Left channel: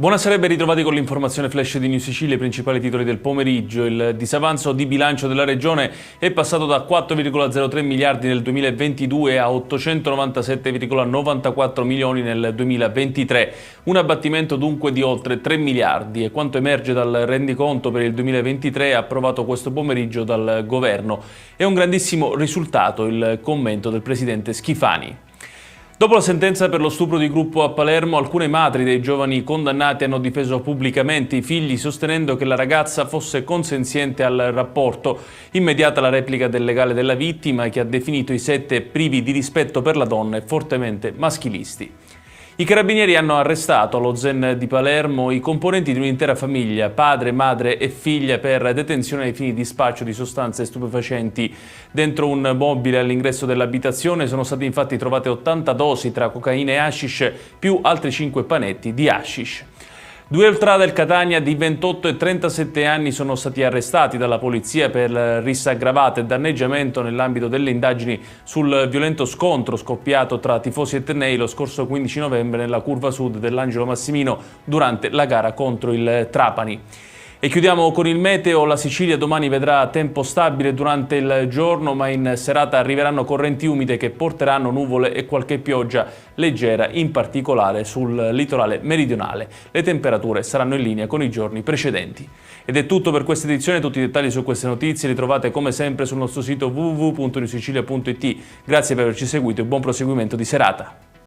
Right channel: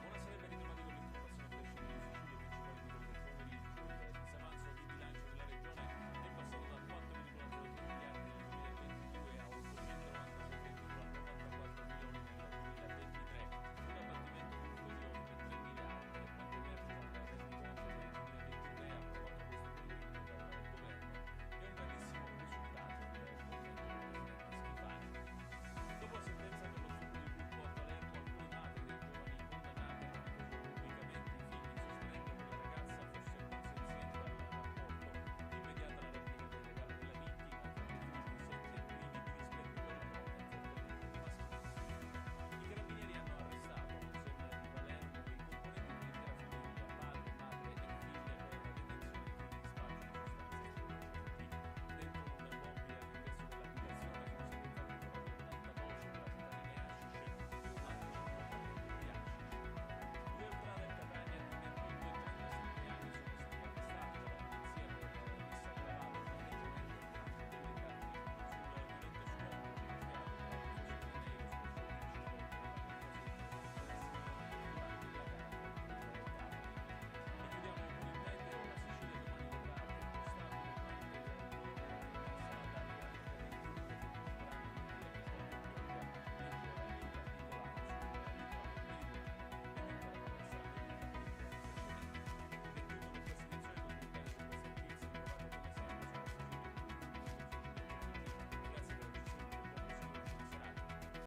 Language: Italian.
Buonasera e ben ritrovati con l'informazione flash di New Sicilia, i principali titoli del pomeriggio. Il disavanzo di bilancio della Regione è passato da 4,03 miliardi nel 2022 a 897,94 milioni nel 2023. Un abbattimento dunque di oltre 3 miliardi e quanto emerge dal rendiconto per il 2023 approvato questo pomeriggio dal Governo. È un grandissimo risultato il commento del Presidente Schifani. Dopo la sentenza per lo stupro di gruppo a Palermo, alcune madri dei giovani condannati hanno difeso pubblicamente i figli sostenendo che la ragazza fosse consenziente al rapporto. Immediata la replica del legale della vittima che ha definito i 7 privi di rispetto per la donna e fortemente maschilisti. I carabinieri hanno arrestato allo Zen di Palermo i componenti di un'intera famiglia, padre, madre e figlia, per detenzione ai fini di spaccio di sostanze stupefacenti. Dentro un mobile all'ingresso dell'abitazione sono state infatti trovate 80 dosi tra cocaina e hashish più altri 5 panetti di hashish. 2 ultra del Catania di 28 e 37 anni sono stati arrestati dalla polizia per rissa aggravata e danneggiamento nell'ambito delle indagini sul violento scontro scoppiato tra tifosi e tennei lo scorso 15 novembre nella curva sud dell'Angelo Massimino durante la gara contro il Trapani. E chiudiamo con il meteo. La Sicilia domani vedrà tempo stabile durante il giorno, ma in serata arriveranno correnti umide che porteranno nuvole e qualche pioggia leggera, in particolare sul litorale meridionale. Le temperature saranno in linea con i giorni precedenti. Ed è tutto per questa edizione. Tutti i dettagli su queste notizie li trovate come sempre sul nostro sito www.newsicilia.it. Grazie per averci seguito e buon proseguimento di serata.